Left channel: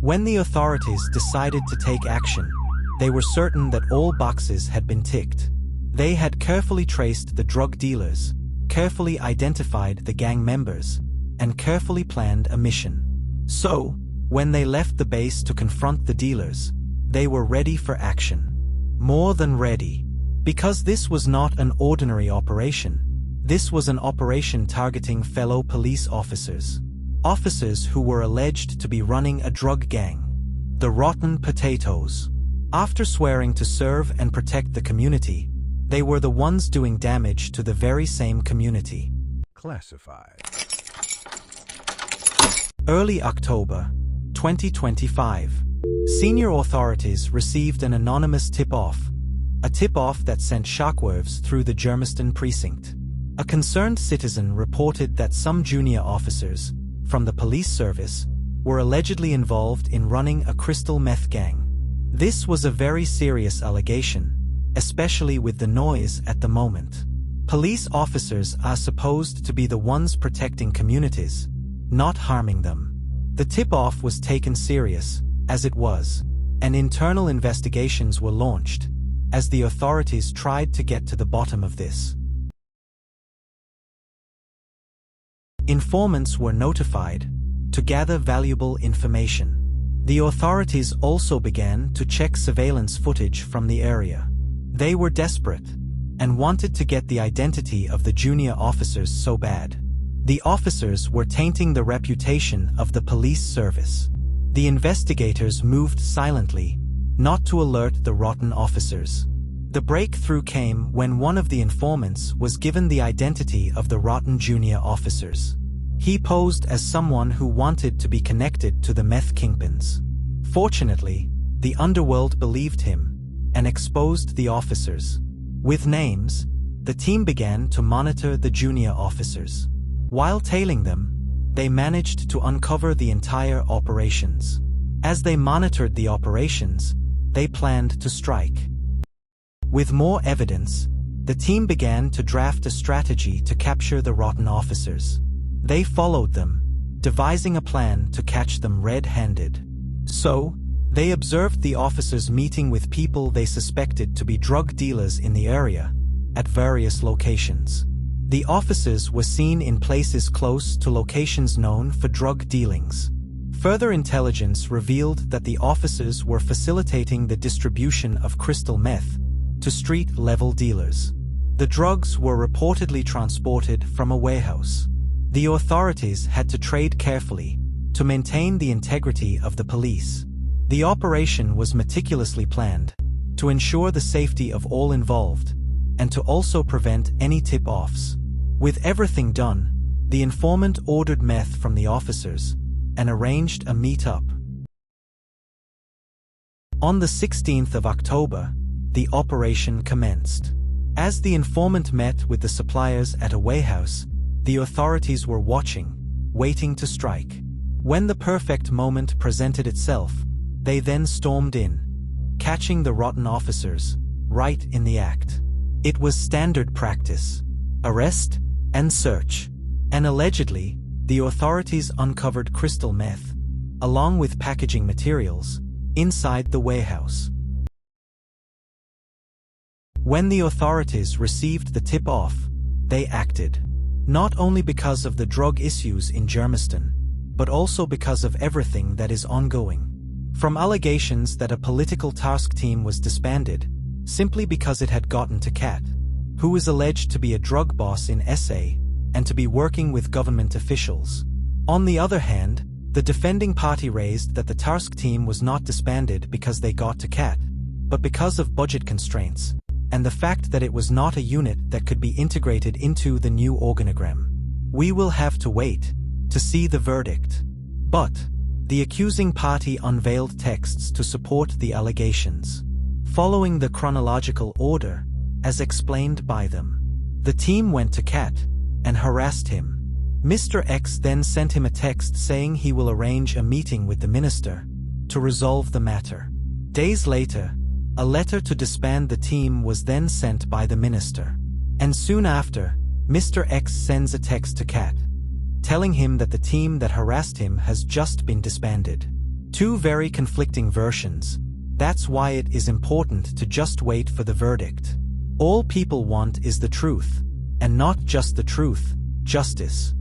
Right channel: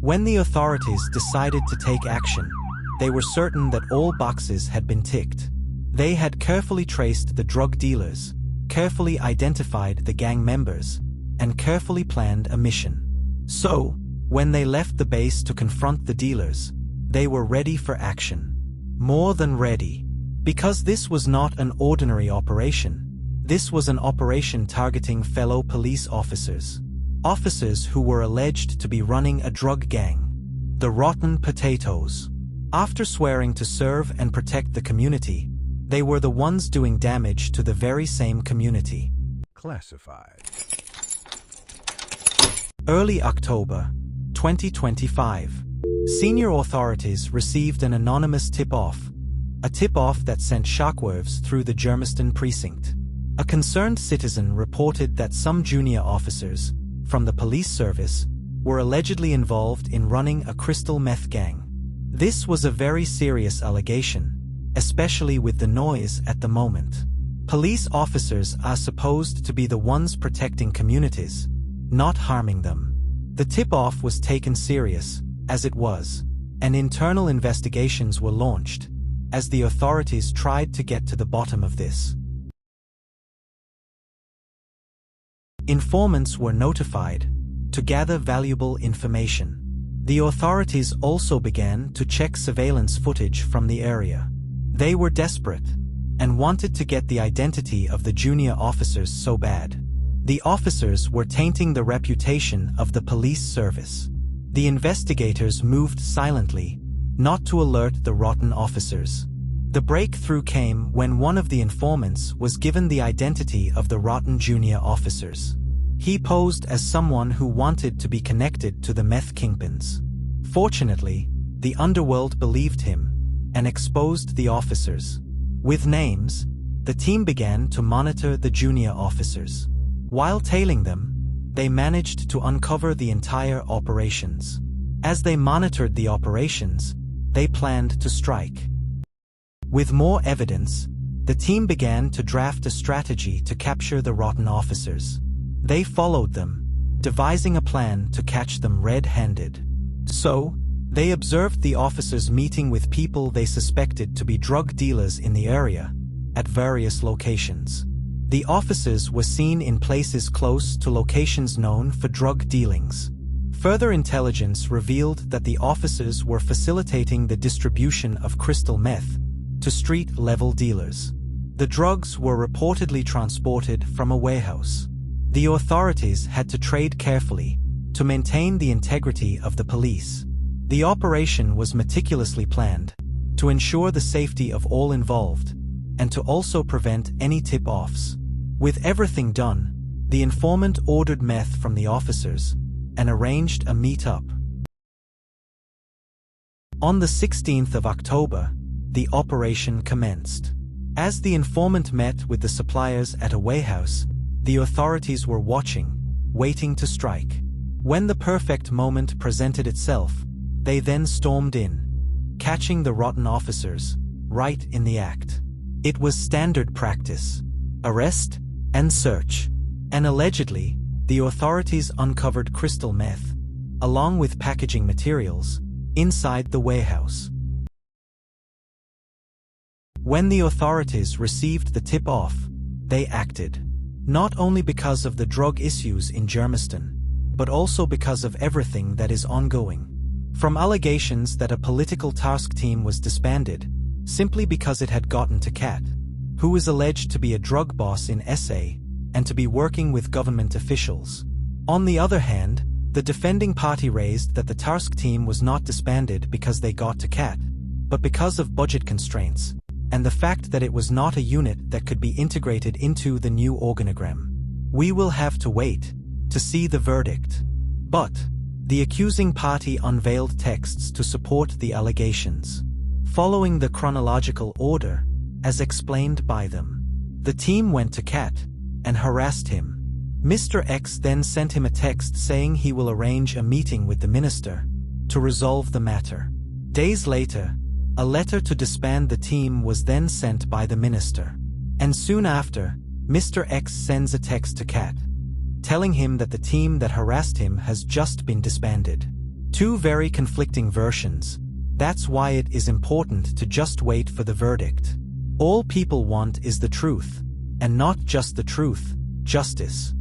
When the authorities decided to take action, they were certain that all boxes had been ticked. They had carefully traced the drug dealers, carefully identified the gang members, and carefully planned a mission. So, when they left the base to confront the dealers, they were ready for action. More than ready. Because this was not an ordinary operation. This was an operation targeting fellow police officers. Officers who were alleged to be running a drug gang. The Rotten Potatoes. After swearing to serve and protect the community, they were the ones doing damage to the very same community. Classified. Early October 2025. Senior authorities received an anonymous tip-off. A tip-off that sent shockwaves through the Germiston precinct. A concerned citizen reported that some junior officers, from the police service, were allegedly involved in running a crystal meth gang. This was a very serious allegation, especially with the noise at the moment. Police officers are supposed to be the ones protecting communities, not harming them. The tip-off was taken serious, as it was, and internal investigations were launched, as the authorities tried to get to the bottom of this. Informants were notified to gather valuable information. The authorities also began to check surveillance footage from the area. They were desperate and wanted to get the identity of the junior officers so bad. The officers were tainting the reputation of the police service. The investigators moved silently, not to alert the rotten officers. The breakthrough came when one of the informants was given the identity of the rotten junior officers. He posed as someone who wanted to be connected to the meth kingpins. Fortunately, the underworld believed him and exposed the officers. With names, the team began to monitor the junior officers. While tailing them, they managed to uncover the entire operations. As they monitored the operations, they planned to strike. With more evidence, the team began to draft a strategy to capture the rotten officers. They followed them, devising a plan to catch them red-handed. So, they observed the officers meeting with people they suspected to be drug dealers in the area, at various locations. The officers were seen in places close to locations known for drug dealings. Further intelligence revealed that the officers were facilitating the distribution of crystal meth to street-level dealers. The drugs were reportedly transported from a warehouse. The authorities had to trade carefully to maintain the integrity of the police. The operation was meticulously planned to ensure the safety of all involved and to also prevent any tip-offs. With everything done, the informant ordered meth from the officers and arranged a meet-up. On the 16th of October, the operation commenced. As the informant met with the suppliers at a warehouse, the authorities were watching, waiting to strike. When the perfect moment presented itself, they then stormed in, catching the rotten officers right in the act. It was standard practice: arrest and search. And allegedly, the authorities uncovered crystal meth, along with packaging materials, inside the warehouse. When the authorities received the tip-off, they acted. Not only because of the drug issues in Germiston, but also because of everything that is ongoing. From allegations that a political task team was disbanded, simply because it had gotten to Kat, who is alleged to be a drug boss in SA, and to be working with government officials. On the other hand, the defending party raised that the task team was not disbanded because they got to Kat, but because of budget constraints, and the fact that it was not a unit that could be integrated into the new organogram. We will have to wait to see the verdict. But the accusing party unveiled texts to support the allegations, following the chronological order, as explained by them. The team went to Kat and harassed him. Mr. X then sent him a text saying he will arrange a meeting with the minister to resolve the matter. Days later, a letter to disband the team was then sent by the minister. And soon after, Mr. X sends a text to Kat, telling him that the team that harassed him has just been disbanded. Two very conflicting versions. That's why it is important to just wait for the verdict. All people want is the truth. And not just the truth, justice.